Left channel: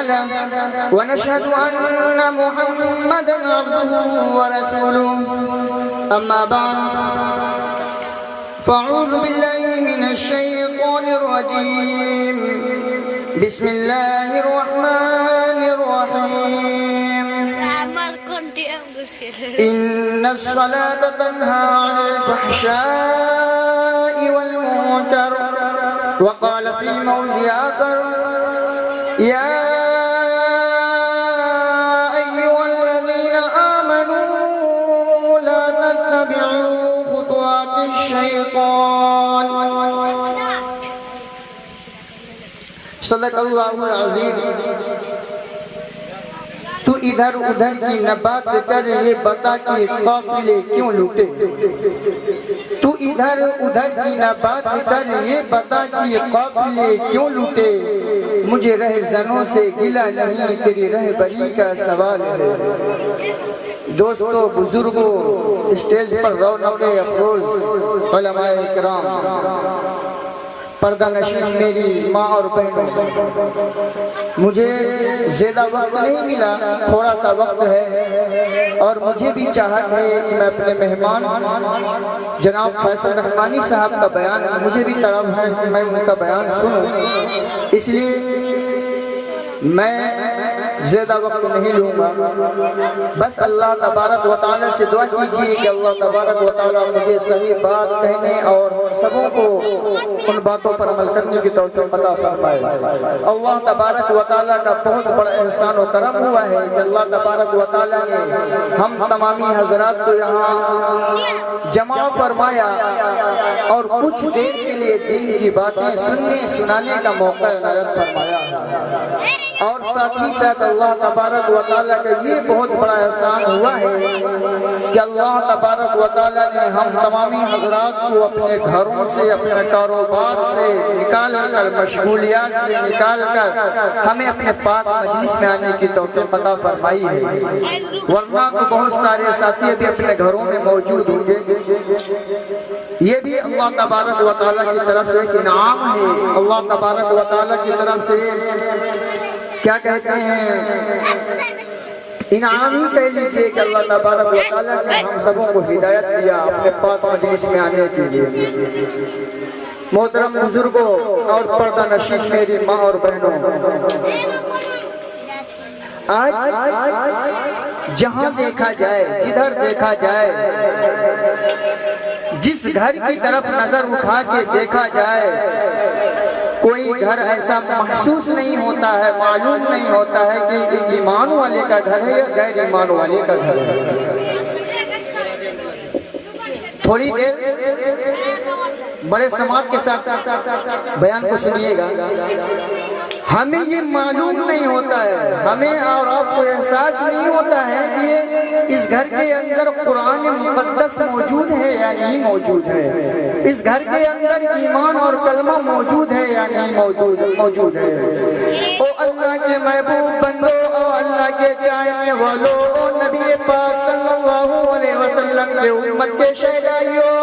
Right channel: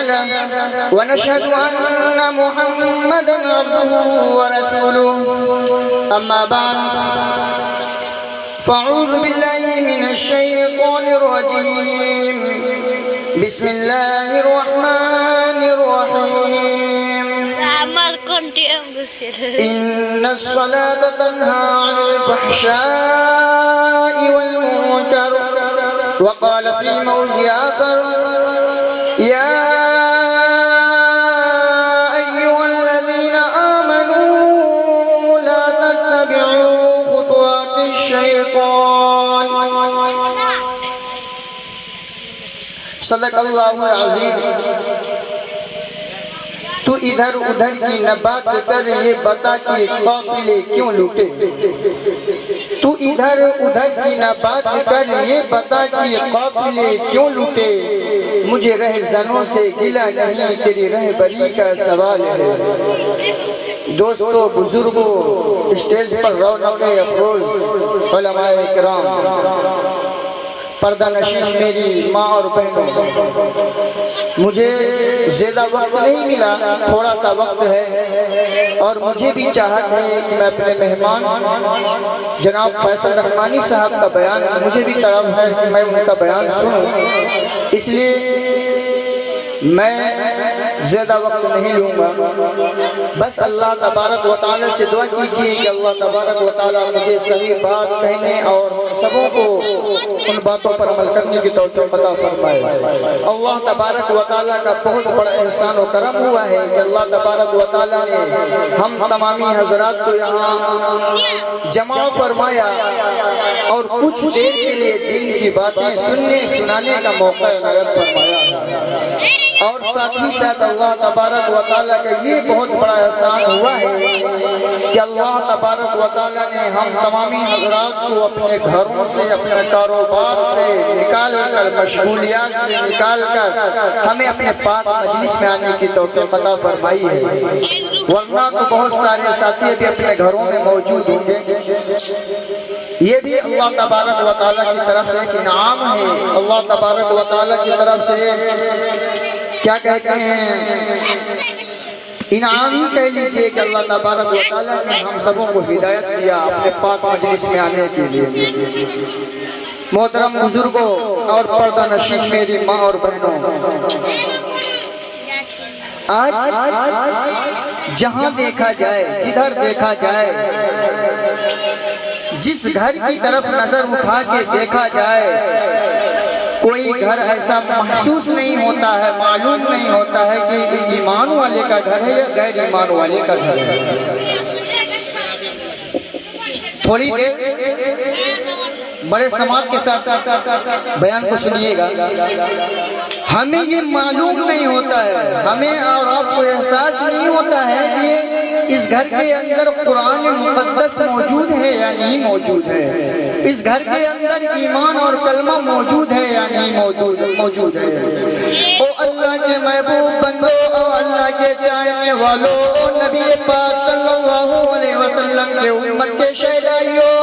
تعالى ونشهد أن محمدا عبده ورسوله أما بعد فأعوذ بالله من الشيطان الرجيم بسم الله الرحمن الرحيم إن الصلاة تنهى عن الفحشاء والمنكر وقال في موضع آخر يا أيها الذين آمنوا لا تتبعوا خطوات الشيطان صدق اللہ العظیم. تو ادھر ادھر کی نہ بات کر یہ بتا کہ قافلے کیوں لوٹے. تو ادھر ادھر کی نہ بات کر یہ بتا کہ قافلے کیوں لوٹے. مجھے رہزنوں سے گلہ نہیں تیری رہبری کا سوال ہے. دوستو بزرگوں اسٹیج پر رونق افروز علماء کرام پردہ نشین میری ماں اور بہنوں مجھے زیادہ وقت نہیں ملا تھوڑا سا وقت ہے اور مجھے بھی چاہت ہے کہ میں اپنے مہمان جناب فیصل رحمانی صاحب کا بیان مجھے بھی طلب ہے کہ میں ان کا بیان سنوں. اس لیے میں زیادہ وقت نہیں لوں گا. بس اللہ تبارک و تعالی سے دعا کیجئے کہ اللہ تبارک و تعالی مجھے صحیح بات کہنے اور سبوں کو ان باتوں پر عمل کرنے کی توفیق عطا فرمائے. اللہ تبارک و تعالی کا بہت بڑا احسان و کرم ہوا ہے کہ اللہ تبارک و تعالی نے ہم تمامی حضرات کو یہاں جمع فرمایا اور کچھ دیر کے لیے دین کی باتیں سننے سنانے کا موقع عنایت فرمایا. اور ساتھ ہی ساتھ اللہ تبارک و تعالیٰ کا یہ بہت بڑا احسان ہوا ہے کہ اللہ تبارک و تعالیٰ نے ہم تمامی حضرات کو اپنے گھروں سے اپنے کاروبار سے نکال کر مشغولیات سے نکال کر ہمیں اپنے پاک مجلس میں آنے کی توفیق عطا فرمائی ہے. ورنہ تو بہت سارے ساتھی بھی اپنے گھروں میں موجود ہوں گے. یہ بھی اللہ تبارک و تعالیٰ کی طرف سے ایک انعام ہے. اللہ تبارک و تعالیٰ کی طرف سے کیا کہتے ہیں انعام ہی کہہ لیجئے کہ اللہ تبارک و تعالیٰ نے ہم سبوں کو ہدایت دیا اپنے پاک مجلس میں آنے کے لیے. محترم بزرگوں اور پردہ نشین میری ماں اور بہنوں آج جہاں دیکھا جائے جدھر دیکھا جائے جس گھر کی طرف نظر اٹھا کے دیکھا جائے کوئی گھر ایسا محسوس نہیں ہوتا ہے معلوم نہیں ہوتا ہے کہ ایمان والے کا گھر ہے یا غیر ایمان والے کا گھر ہے. تھوڑی دیر بڑے سماعت کے ساتھ بیان کو سنیے گا. ہمیں یہ معلوم نہیں ہوتا ہے ہمیں اور آپ کو احساس نہیں ہوتا ہے کہ اس گھر کے اندر قرآن مقدس موجود ہے یا نہیں موجود ہے. اس گھر کے اندر ایمان اور کلمہ موجود ہے یا نہیں موجود ہے. او اللہ کے محبوب بندو او اللہ کے چاہنے والو او نبی پاک صلی اللہ علیہ وسلم کے امت کے شہدائیوں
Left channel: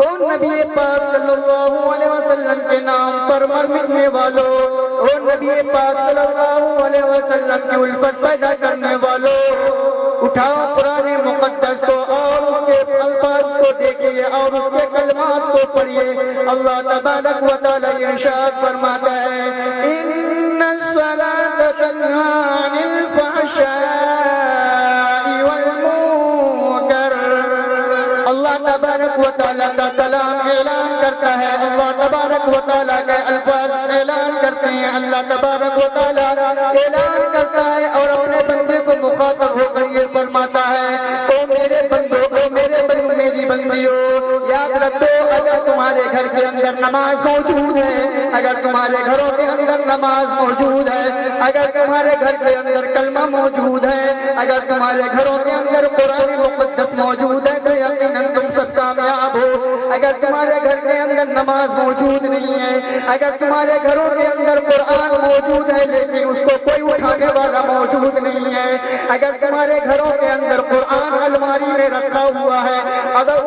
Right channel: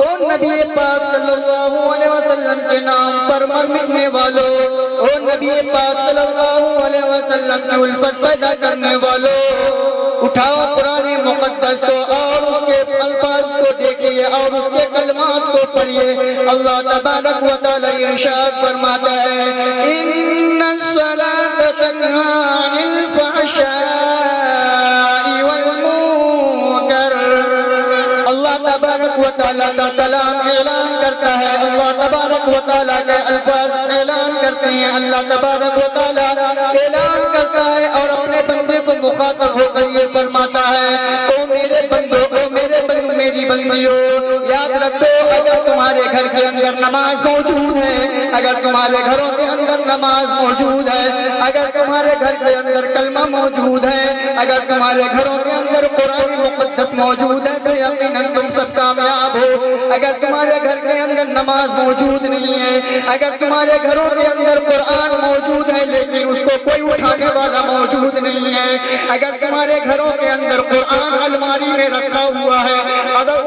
او نبی پاک صلی اللہ علیہ وسلم کے نام پر مرنے والوں او نبی پاک صلی اللہ علیہ وسلم کی الفت پیدا کرنے والوں اٹھاؤ قرآن مقدس کو اور اس کے الفاظ کو دیکھیے اور اس کے کلمات کو پڑھیے. اللہ تبارک و تعالی ارشاد فرماتا ہے ان الصلاۃ تنہی عن الفحشاء والمنکر. اللہ تبارک و تعالی کا کلام اعلان کرتا ہے اللہ تبارک و تعالی کے الفاظ اعلان کرتے ہیں. اللہ تبارک و تعالی اعلان کرتا ہے اور اپنے بندے کو مخاطب ہو کر یہ فرماتا ہے او میرے بندو او میرے بندو میری بندیوں یاد رکھو اگر تمہارے گھر کے اندر نماز موجود ہے اگر تمہارے گھروں کے اندر نماز موجود ہے اگر تمہارے گھر کے اندر کلمہ موجود ہے اگر تمہارے گھروں کے اندر قرآن مقدس موجود ہے تو یقیناً تم سب کامیاب ہو. اگر تمہارے گھر کے اندر نماز موجود نہیں ہے اگر تمہارے گھروں کے اندر قرآن موجود ہے لیکن اس کو کوئی اٹھانے والا موجود نہیں ہے اگر تمہارے گھروں کے اندر قرآن الماری میں رکھا ہوا ہے اگر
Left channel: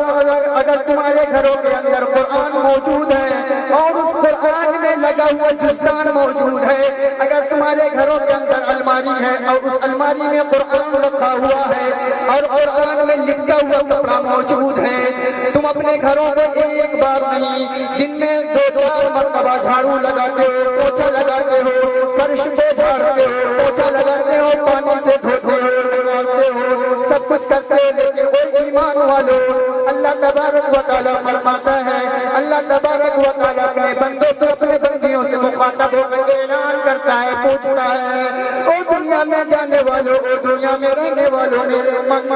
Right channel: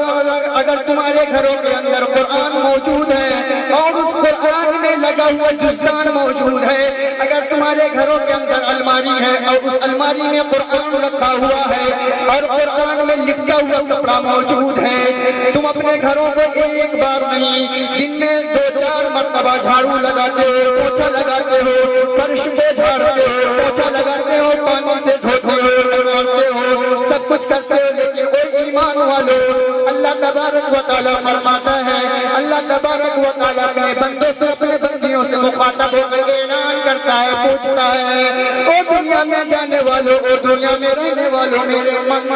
تمہارے گھروں کے اندر قرآن موجود ہے اور اس قرآن میں لگا ہوا جزدان موجود ہے اگر تمہارے گھروں گھروں کے اندر الماری ہے اور اس الماری میں قرآن رکھا ہوا ہے اور قرآن میں لپٹا ہوا کپڑا موجود ہے، تم اپنے گھروں کو ایک بار نہیں دن میں 2-4 مرتبہ جھاڑو لگاتے ہو، پوچھا لگاتے ہو، فرش کو جھاڑتے ہو، پوچھا لگاتے ہو، پانی سے دھوتے ہو، لگاتے ہو، سب کچھ کرتے ہو، لیکن کوئی ایمان والو اللہ تبارک و تعالیٰ فرماتا ہے، اللہ تبارک و تعالیٰ اپنے بندوں سے اپنے بندیوں سے مخاطب ہو کر اعلان کرتا ہے، پوچھتا ہے، او دنیا میں جانے والوں، او دنیا میں رہنے والوں،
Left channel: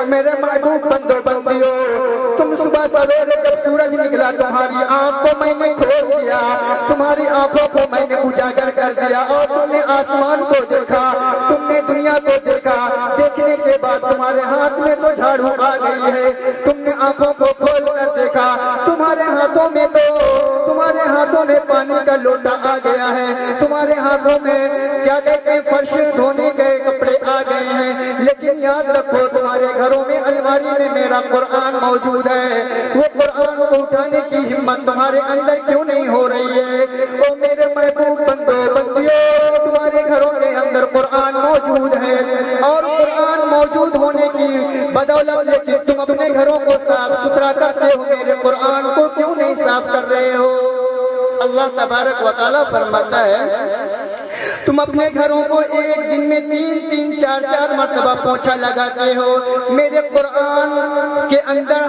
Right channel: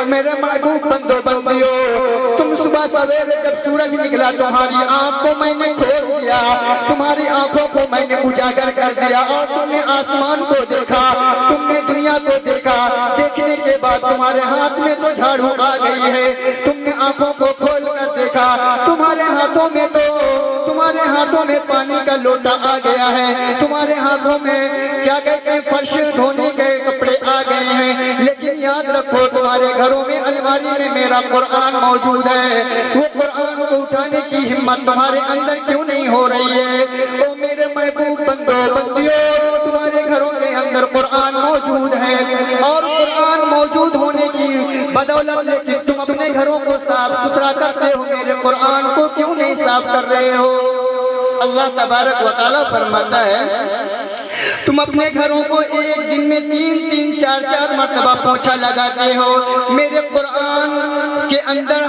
میرے محبوب بندوں بندیوں، تم صبح سویرے جب سورج نکلا تمہاری آنکھ کو میں نے کھول دیا، تمہاری آنکھوں کو میں نے اجاگر کر دیا اور تم نے آسمان کو دیکھا، تم نے دنیا کو دیکھا، دیکھنے کے بعد تمہارے ہاتھ میں تو جھاڑو آ گئی ہے، تم نے آنکھوں کو کھول کر دیکھا، تمہارے ہاتھوں میں پانی کا لوٹا آ گیا ہے، تمہارے ہاتھوں میں کیا کہتے ہیں فرش دھونے کے کپڑے آ گئے ہیں، لیکن یاد رکھو تمہارے گھروں میں الماری میں میرا قرآن موجود ہے، وہ قرآن کو اٹھانے کی ہمت تمہارے اندر کیوں نہیں ہو رہی ہے؟ او میرے محبوب بندوں بندیوں، تمہارے گھروں کے اندر قرآن موجود ہے اور قرآن موجود ہونے کی بدولت لیکن تم اپنے گھروں کو صاف ستھرا کرتے ہو، میرے قرآن کو کیوں نہیں صاف کر رہے ہو؟ اللہ تبارک و تعالیٰ فرماتا ہے تم اپنے گھروں کو ایک دن میں 3-3 4-4 مرتبہ پوچھا لگاتے ہو، میرے قرآن کے اندر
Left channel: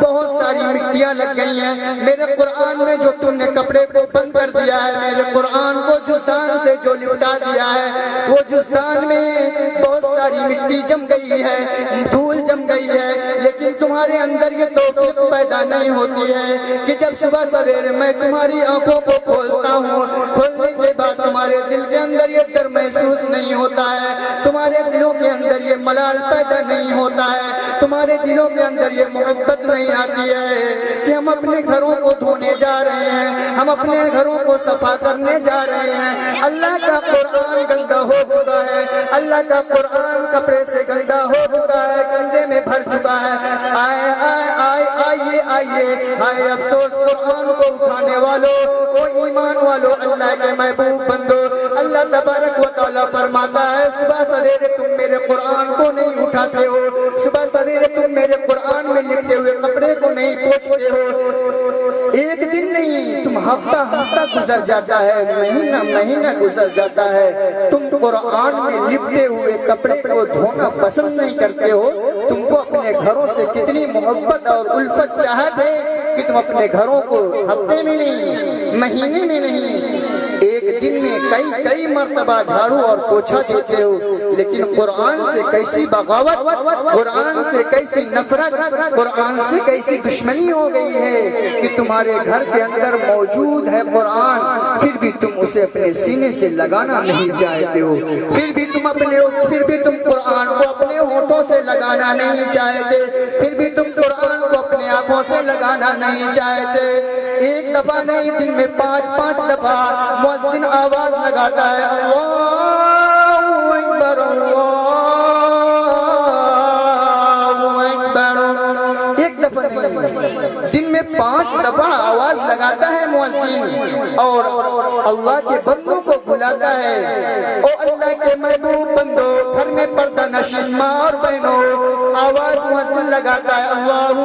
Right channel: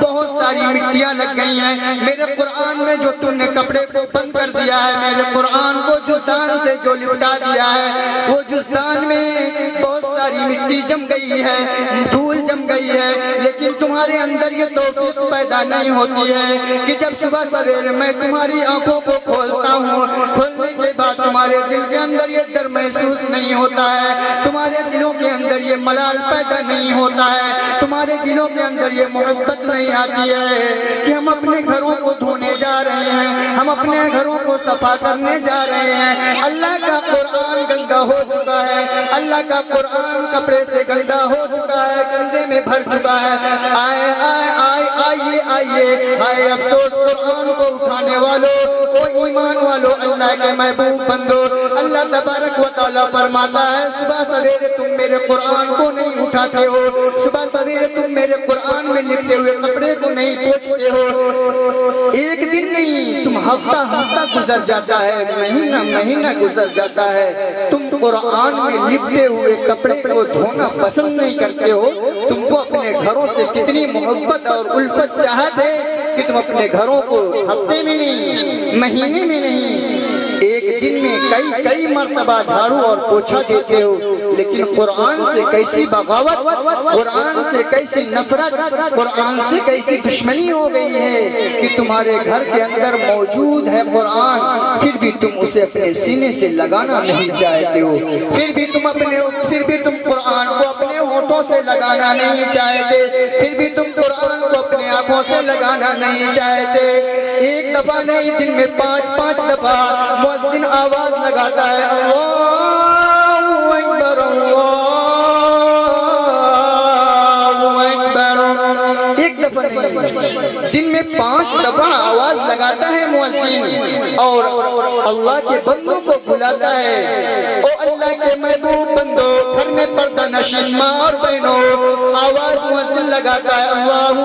بہت ساری مٹیاں لگ گئی ہیں، میرے قرآن میں جو تم نے کپڑے کو بند کر دیا ہے، میرے قرآن کو جزدان سے جو لپٹا دیا ہے، وہ جزدان میں بہت ساری مٹی جم گئی ہے، دھول جم گئی ہے، لیکن تمہارے اندر یہ توفیق پیدا نہیں ہوتی ہے کہ جب صبح سویرے میں تمہاری آنکھوں کو کھولتا ہوں، کھولنے کے بعد تمہارے دل کے اندر یہ ڈر محسوس نہیں ہوتا ہے، تمہارے دلوں کے اندر یہ ملال پیدا نہیں ہوتا ہے، تمہارے دلوں کے اندر یہ محبت نہیں آتی ہے کہ ہم اپنے گھروں کو دھونے جا رہے ہیں، ہم اپنے گھروں کو صفا کرنے جا رہے ہیں، اللہ کا قرآن گندا ہو چکا ہے، اللہ کا قرآن کپڑے سے گندا ہو چکا ہے، گندے میں بھر چکا ہے، آئے افسوس قرآن کو اٹھانے والوں، وہ ایمان والوں، اللہ کے محبوب بندو، اللہ تبارک و تعالیٰ فرماتا ہے صبح سویرے تم میرے قرآن کو نہیں اٹھاتے ہو، صبح سویرے تم میرے قرآن میں لپٹے ہوئے کپڑے کو نہیں پوچھتے ہو، ایک دن نہیں تم ہفتہ گزر جاتا ہے، مہینہ گزر جاتا ہے، تم قرآن میں لپٹے ہوئے کپڑے کو دھونا پسند نہیں کرتے ہو، تم کو اپنے گھروں سے کتنی محبت اور الفت چاہت ہے کہ تم اپنے گھروں کو ہفتے میں نہیں، مہینے میں نہیں، ایک دن میں کئی مرتبہ جھاڑو اور پوچھا دیتے ہو، لیکن قرآن سے کیسی بغاوت، قرآن سے کیسی نفرت، قرآن سے کیسی دشمنی ہو گئی ہے کہ تمہارے گھر کے اندر موجود ہے قرآن، پھر بھی تم اسے اپنے سینے سے لگانا نہیں چاہتے ہو، پھر بھی تم قرآن کو اپنے ہونٹوں سے لگانا نہیں چاہتے، پھر بھی تم قرآن کو اپنے آنکھوں سے لگانا نہیں چاہتے، ایک دفعہ نہیں دن میں 5 دفعہ مؤذن آواز لگاتا ہے اللہ اکبر ایک دفعہ نہیں دن میں 5 دفعہ آواز لگاتا ہے مؤذن اور اللہ کے بندوں کو بلاتا ہے، او اللہ کے محبوب بندوں، گھر میں پردہ نشین ماں اور بہنوں، آواز مؤذن لگاتا ہے اللہ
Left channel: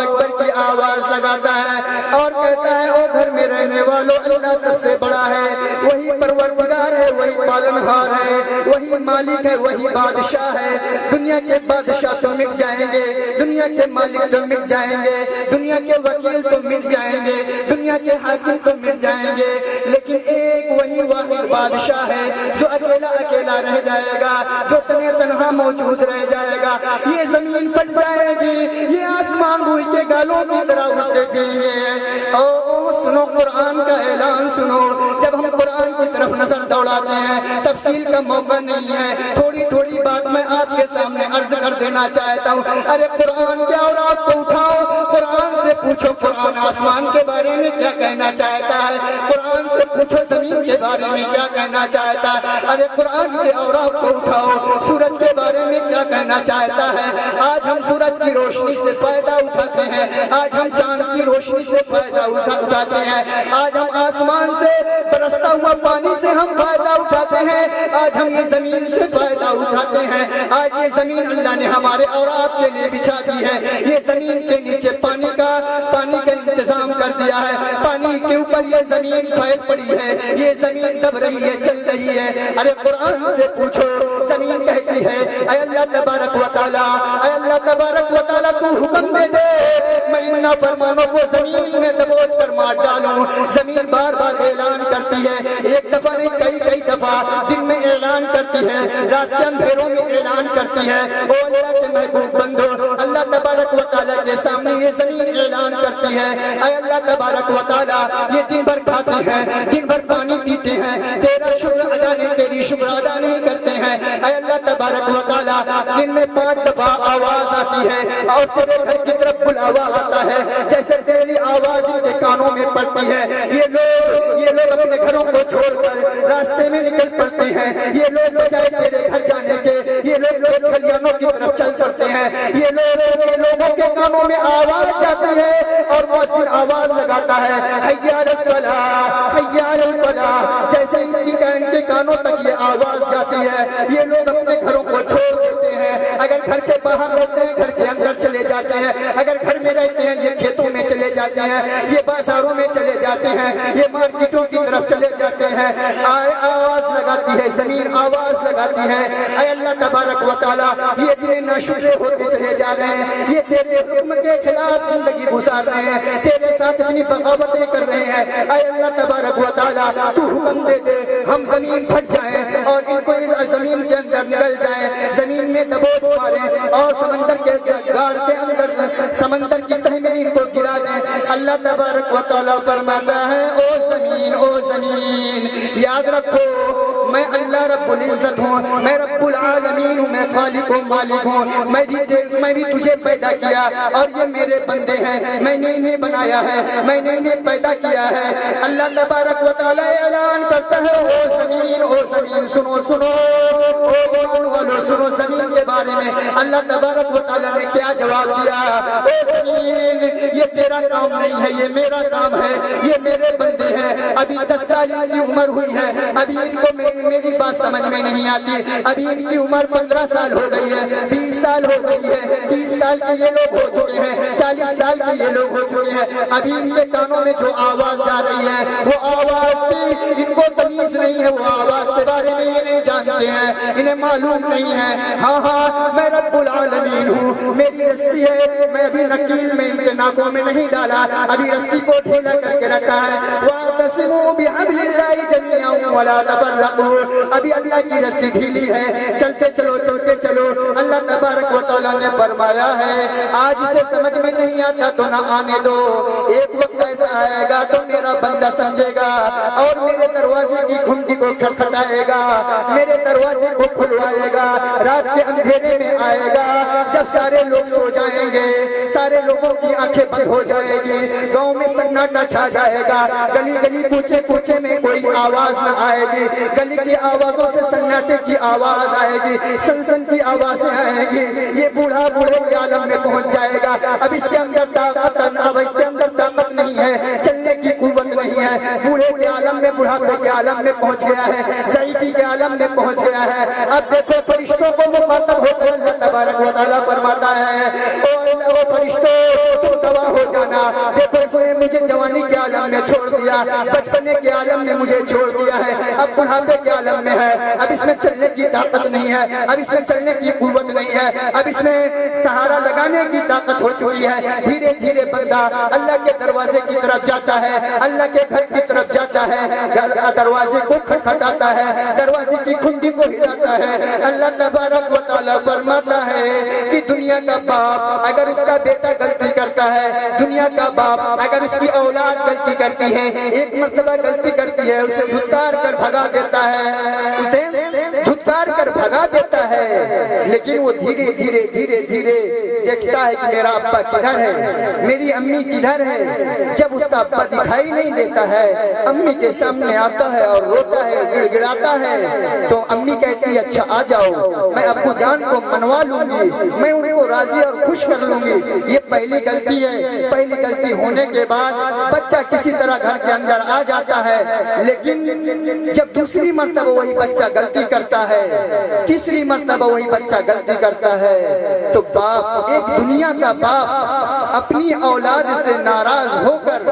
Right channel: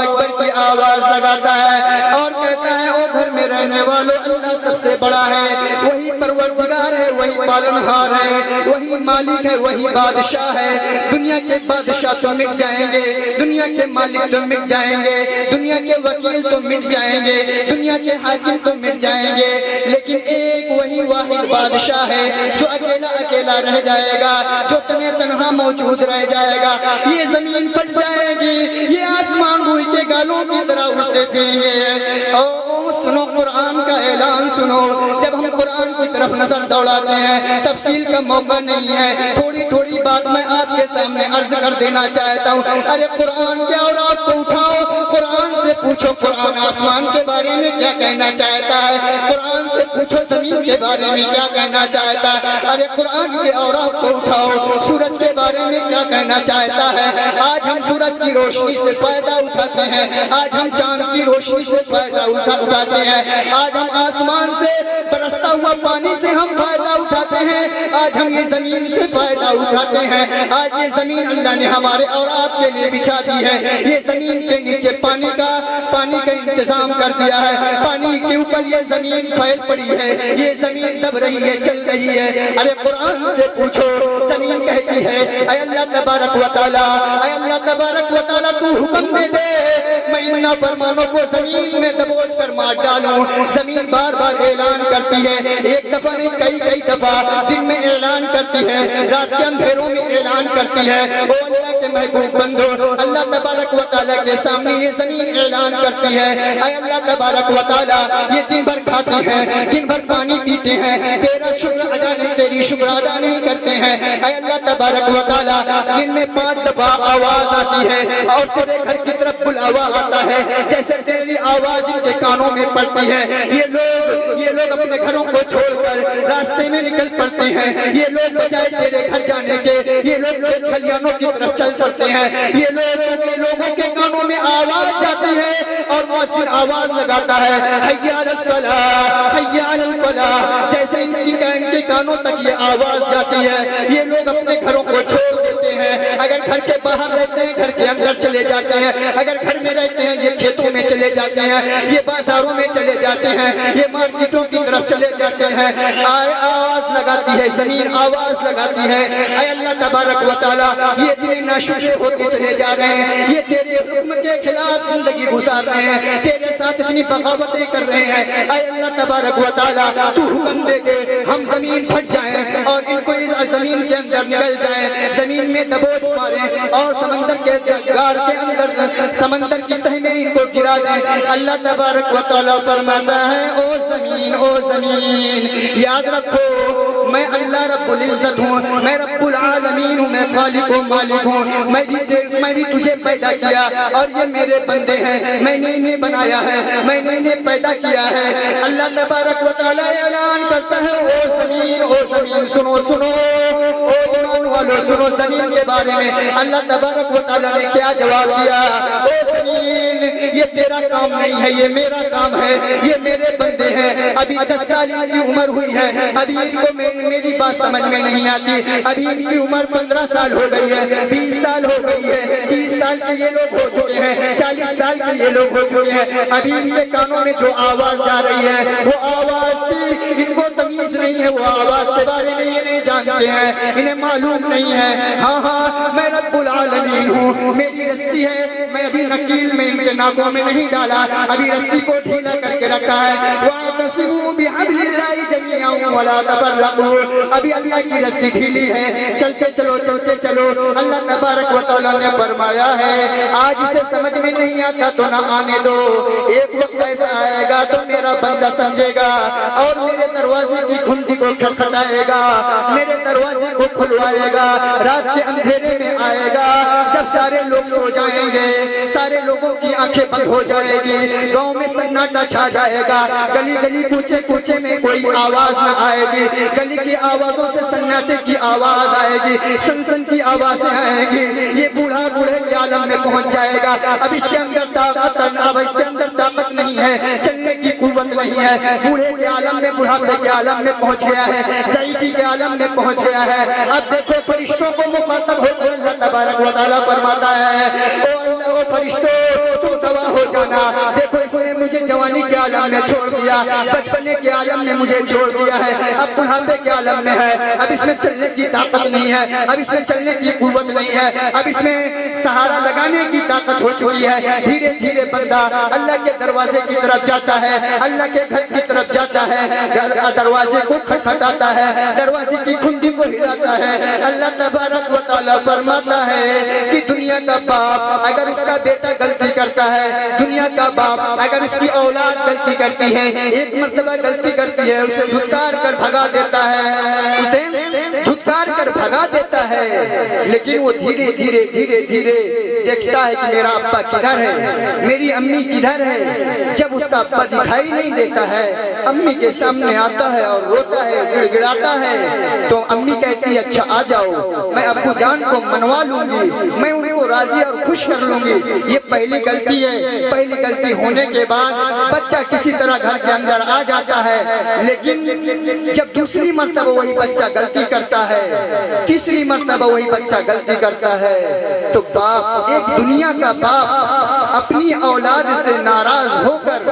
اکبر کی آواز لگاتا ہے اور کہتا ہے او گھر میں رہنے والوں، اللہ سب سے بڑا ہے، وہی پروردگار ہے، وہی پالنہار ہے، وہی مالک ہے، وہی بادشاہ ہے، دنیا کے بادشاہ تو مٹ جائیں گے، دنیا کے مالک تو مٹ جائیں گے، دنیا کے وکیل تو مٹ جائیں گے، دنیا کے حاکم تو مٹ جائیں گے، لیکن ایک وہی واحد بادشاہ ہے جو اکیلا رہ جائے گا، جو تنہا موجود رہ جائے گا، یہ زمین پھٹ جائے گی، یہ آسمان روئی کے گالوں کی طرح اڑتے پھریں گے، سنو قرآن کا اعلان سنو، جب ہم قرآن کی طرف نظر دوڑاتے ہیں تفصیل کا موقع نہیں ہے، تھوڑی بات میں آپ کے سامنے عرض کر دینا چاہتا ہوں، ارے قرآن کے اوراد کو اٹھاؤ، قرآن سے پوچھو قرآن آسمان کے بارے میں کیا کہنا چاہتا ہے، قرآن سے پوچھو زمین کے بارے میں کیا کہنا چاہتا ہے، ارے قرآن کے اوراد کو اٹھاؤ، سورج کے بارے میں کیا کہنا چاہتا ہے، آج ہم سورج کی روشنی سے فائدہ اٹھاتے ہیں، آج ہم چاند کی روشنی سے فائدہ اٹھاتے ہیں، آج ہم آسمان سے برستا ہوا پانی سے ہم فائدہ اٹھاتے ہیں، آج ہم یہ زمین سے فائدہ اٹھاتے ہیں. آج یہ زمین اللہ نے ہمارے اور آپ کے لیے بچھا دی ہے. یہ زمین کے نیچے پانی کا انتظام کر دیا ہے. پانی کے اوپر یہ زمین پھیل پڑی ہے. یہ زمین دب رہی ہے, چل رہی ہے. ارے قرآن سے پوچھو, زمین کہتی ہے اے اللہ تبارک و تعالیٰ, اے اللہ تبارک و تعالیٰ تو حکم دے دے میں ان نافرمانوں کو زمین میں دبوچ کر مار ڈالوں. زمین بار بار اعلان کرتی ہے, ایک دفعہ نہیں کئی دفعہ. دن میں اعلان کرتی ہے, رات کے اندھیروں میں اعلان کرتی ہے. او اللہ کے محبوب بندو, اللہ تبارک و تعالیٰ کے سامنے یہ زمین اعلان کرتی ہے اے اللہ تبارک و تعالیٰ یہ دن بھر کھاتے ہیں, دن بھر پانی پیتے ہیں, تیرا شکر ادا نہیں, تیری شکر ادا نہیں کرتے ہیں. اے اللہ تبارک و تعالیٰ دن میں 5 دفعہ آواز آتی ہے اور تیرے گھر کی طرف بلاوا آتا ہے, جیسے تیری آواز ان کے کانوں میں پڑتی ہے. یہ لوگ اپنے گھروں کو چھوڑ کر راستے میں نکل پڑتے ہیں. یہ لوگ بجائے تیرے گھر جانے کے یہ لوگ کھیت کھلیانوں کی طرف چل پڑتے ہیں. یہ لوگوں کے کانوں میں آواز جاتی ہے اور مؤذن آواز لگاتا ہے حی علی الصلاۃ حی علی الفلاح. جیسے ان کے کانوں تک یہ آواز جاتی ہے یہ لوگ اپنے گھروں کو چھوڑ دیتے ہیں. اگر گھر کے باہر رہتے ہیں گھر کے اندر چلے جاتے ہیں, اگر گھر میں رہتے ہیں یہ کھیتوں میں چلے جاتے ہیں, یہ بازاروں میں چلے جاتے ہیں, یہ مارکیٹوں کی طرف چلے جاتے ہیں. آواز لگاتی ہے زمین, آواز لگاتی ہے اے اللہ تبارک و تعالیٰ یہ دن ناشکر ہوتے چلے جا رہے ہیں, یہ تیرے حکم کے خلاف زندگی گزار رہے ہیں, تیرے ساتھ اتنی بغاوتیں کر رہے ہیں. اے اللہ تبارک و تعالیٰ تو حکم دے دے ہم زمین پھٹ جائیں اور ان کو زمین کے اندر نکل جائیں, زمین میں دبوچ ماریں اور سمندر کے گار کے اندر سمندر کی تہ میں ان کو گرا دیں. اللہ تبارک و تعالیٰ فرماتا ہے او زمین یاد رکھو میں اللہ رب العزت ہوں, میں رب العالمین ہوں, میں خالق و مالک ہوں. میں بھی تجھے پیدا کیا اور یہ میرے بندے ہیں, میں نے انہیں بنایا ہے, میں نے انہیں پیدا کیا ہے. اللہ تبارک و تعالیٰ اعلان کرتا ہے او زمین سنو او ایمان والو سنو. زمین کے بارے میں اللہ تبارک و تعالیٰ نے کیا جواب دیا, او زمین یہ تیرا کام نہیں ہے, یہ میرا کام ہے, یہ میرے بندے ہیں. ابھی 10 سال ان کی عمر ہوئی ہے, ابھی ان کو میری بات سمجھ میں نہیں آتی. ابھی ان کی عمر 15 سال ہو گئی ہے, 20 سال ہو گئی ہے, 30 سال کے یہ لوگ ہو چکے ہیں, 40 سال کے یہ لوگ ہو چکے ہیں. ابھی ان کے کانوں میں جو آواز جا رہی ہے وہ آواز بھی ان کو تمیز نہیں ہے, وہ آواز کے بارے میں یہ نہیں جانتے ہیں, انہیں معلوم نہیں ہے. ہاں میں رب العالمین ہوں, میری رسی ہے, میں ابھی نکیل میں ان کے ناکوں میں نہیں ڈالا, ابھی رسی کو ڈھیلا کر کے رکھا ہے. وَاعْتَصِمُوا بِحَبْلِ اللَّهِ جَمِيعًا وَلَا تَفَرَّقُوا. ابھی اللہ کی رسی ڈھیلی ہے, چلتے چلو. اللہ تبارک و تعالیٰ نے فرمایا ہے آج اسے سمجھ میں نہیں آتا تو نہ آنے دو, ایک وقت ایسا آئے گا تو میرا بندہ سمجھے گا اور میرے دروازے کی گھنٹی کو کھٹکھٹائے گا, میرے دروازے کو کھلوائے گا. رات کے اندھیرے میں آئے گا جب سارے لوگ سو جائیں گے, سارے لوگوں کی آنکھیں بند ہو جائے گی, گاؤں میں سناٹا چھا جائے گا, گلی کوچے میں کوئی آواز نہ آئے گی, گلی کی آوازوں سے سناٹے کی آواز آئے گی, سن کی آوازیں آئیں گی. یہ بوڑھے کے عالم میں پہنچ جائے گا. اب اس کے اندر طاقت نہیں ہے, چلنے کی قوت نہیں ہے. بوڑھے کے عالم میں, بڑھاپے کے عالم میں پہنچ گیا ہے, ضعیفی کے عالم میں پہنچ گیا ہے. اب دیکھو فرشتوں کو مخاطب ہو کر اللہ تبارک و تعالیٰ فرماتا ہے او اللہ فرشتوں تم دوا ہو جانا. دیکھو اس نے مجھے جوانی کے عالم میں چھوڑ دیا, بچپنے کے عالم میں مجھے چھوڑ دیا ہے, اب بڑھاپے کے عالم میں ہے, اب اس میں چلنے کی طاقت نہیں ہے, اب اس میں چلنے کی قوت نہیں ہے, اب اس میں سہارا لگانے کی طاقت ہو چکی ہے. دھیرے دھیرے بندہ اللہ کے دروازے کی طرف جاتا ہے, اللہ کے گھر کی طرف جاتا ہے, دروازے کو کھٹکھٹاتا ہے, دروازے کی کھنڈی کو ہلاتا ہے. اللہ تبارک و تعالیٰ فرماتا ہے کہ دنیا کا باپ اگر اس کا بیٹا غلطی کرتا ہے, دنیا کا باپ اگر اس کی اولاد غلطی کرتی ہے, ایک مرتبہ غلطی کرتی ہے, اسے دھتکار کر بھگا دیتا ہے, لیکن وہ دھیرے دھیرے دیکھتا ہے کہ میرا ابا کدھر ہے, میری امی کدھر ہے. جب اس کا ابا دکھائی نہیں دیتا ہے, امی کے سامنے آتا ہے اور روتا ہے, گڑ گڑاتا ہے, تو امی کہتی ہے اچھا آ جاؤ, میں ابو جان کو منوا لوں گی, میں ان کو راضی اور خوش کر لوں گی. یہ پہلی غلطی ہے. پہلی غلطی ہونے کے بعد بچہ کسی طرح گھر کے اندر آ جاتا ہے, لیکن جب دوسری مرتبہ وہی بچہ غلطی کرتا ہے, تیسری مرتبہ وہی بچہ غلطی کرتا ہے, تو باپ, ایک دنیا کا باپ اپنی اولاد سے ناراض ہو کر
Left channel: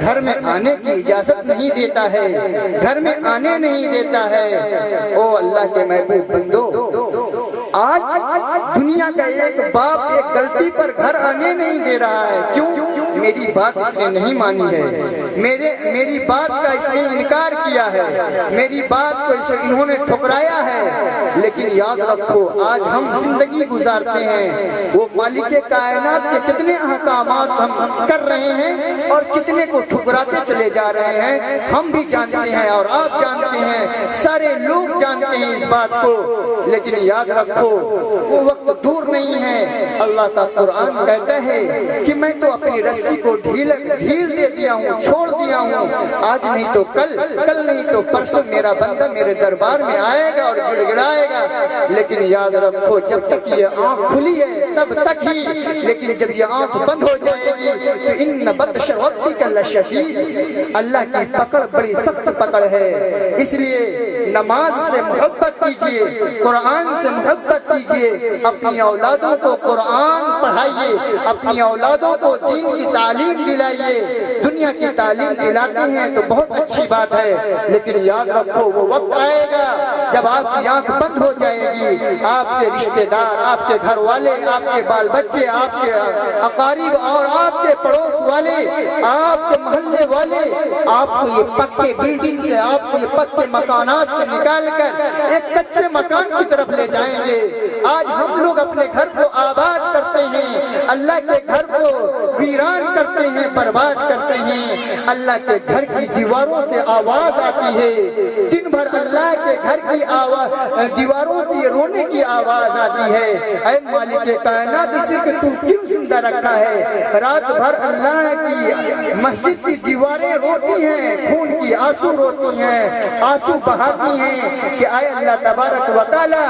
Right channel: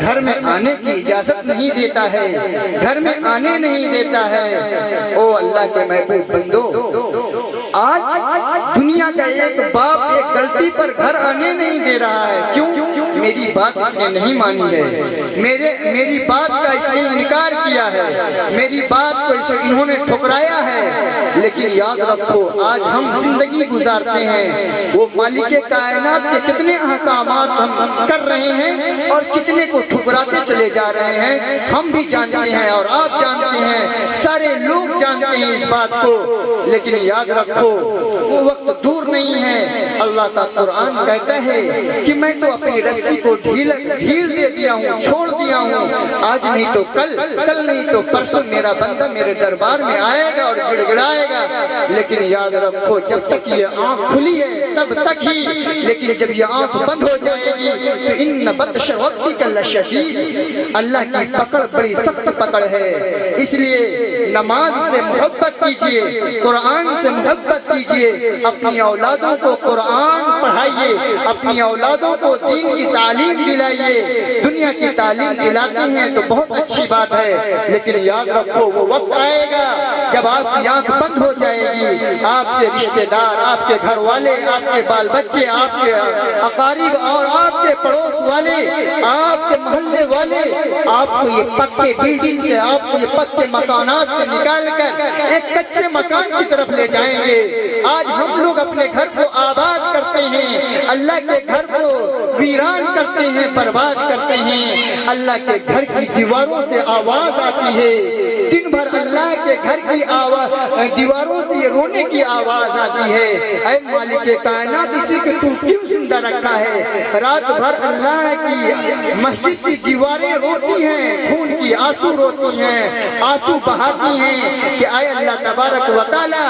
گھر میں آنے کی اجازت نہیں دیتا ہے, گھر میں آنے نہیں دیتا ہے. او اللہ کے محبوب بندو, آج دنیا کا ایک باپ ایک غلطی پر گھر آنے نہیں دے رہا ہے. کیوں؟ میری بات اس نے نہیں مانی ہے, میری بات کا اس نے انکار کیا ہے, میری بات کو انہوں نے ٹھکرایا ہے. لیکن یاد رکھو, آج ہم زندگی گزارتے ہیں, وہ مالک کائنات کے کتنے احکامات ہم کر رہے ہیں اور کتنے کو ٹھکراتے چلے جا رہے ہیں, ہم بھی جانتے ہیں اور آپ جانتے ہیں, سارے لوگ جانتے ہیں اس بات کو. لیکن یاد رکھو, وہ وقت دور نہیں ہے. اللہ کا قرآن کہتا ہے کہ میں تو اپنی رسی کو ڈھیل دے دیا ہوں, چھوڑ دیا ہوں. آج نہیں تو کل, کل نہیں تو پرسوں میرا بندہ میرے دربار میں آئے گا اور گڑ گڑائے گا. لیکن یاد رکھو, جب تک یہ آنکھ کھلی ہے تب تک ہی, لیکن جب یہ آنکھ بند ہو جائے گی تو ان بطش ربک لشدید, اللہ کی پکڑ بڑی سخت پکڑ ہے. اس لیے نماز سے محبت کیجئے, قرآن سے محبت کیجئے, اپنی اولادوں کو قرآن پڑھائیے, اپنی اولادوں کو دین کی تعلیم دلائیے. دنیا کی تعلیم دلاتے ہیں تو بہت اچھی بات ہے, لیکن یاد رکھو وہ وقت آئے گا جب آپ کی آنکھ بند ہو جائے گی. آپ کے رشتہ دار, آپ کے گھر والے, آپ کے بال بچے, آپ کے اقارب اور آپ کے پڑوس والے, آپ کے محلے والے آپ کو یہ پکے بلڈنگ سے, آپ کو یہ پکے مکانات سے نکال کر ایک کچے مکان کی طرف لے جائیں گے. آج ہم لوگ اپنے گھر کو آباد کرتے ہیں, اللہ کے گھر کو ویران کرتے ہیں, برباد کرتے ہیں. اللہ کے گھر کی دیواروں سے آواز آتی ہے, دن بھر اللہ کے گھر کی دیواروں سے یہ رونے کی آواز آتی ہے. اے مالک کائنات, اسی کو تو کیوں زندہ رکھا ہے؟ رات بھر اللہ کی مسجد کی دیواریں روتی ہیں, خون کی آنسو روتی ہیں, آنسو بہاتی ہیں کہ اے اللہ تبارک و تعالی,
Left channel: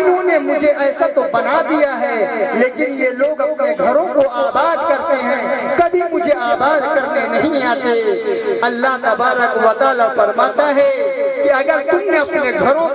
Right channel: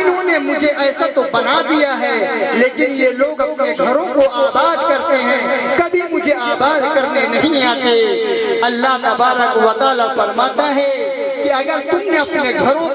انہوں نے مجھے ایسا تو بنا دیا ہے, لیکن یہ لوگ اپنے گھروں کو آباد کرتے ہیں, کبھی مجھے آباد کرنے نہیں آتے. اللہ تبارک و تعالی فرماتا ہے کہ اگر تم نے اپنے گھروں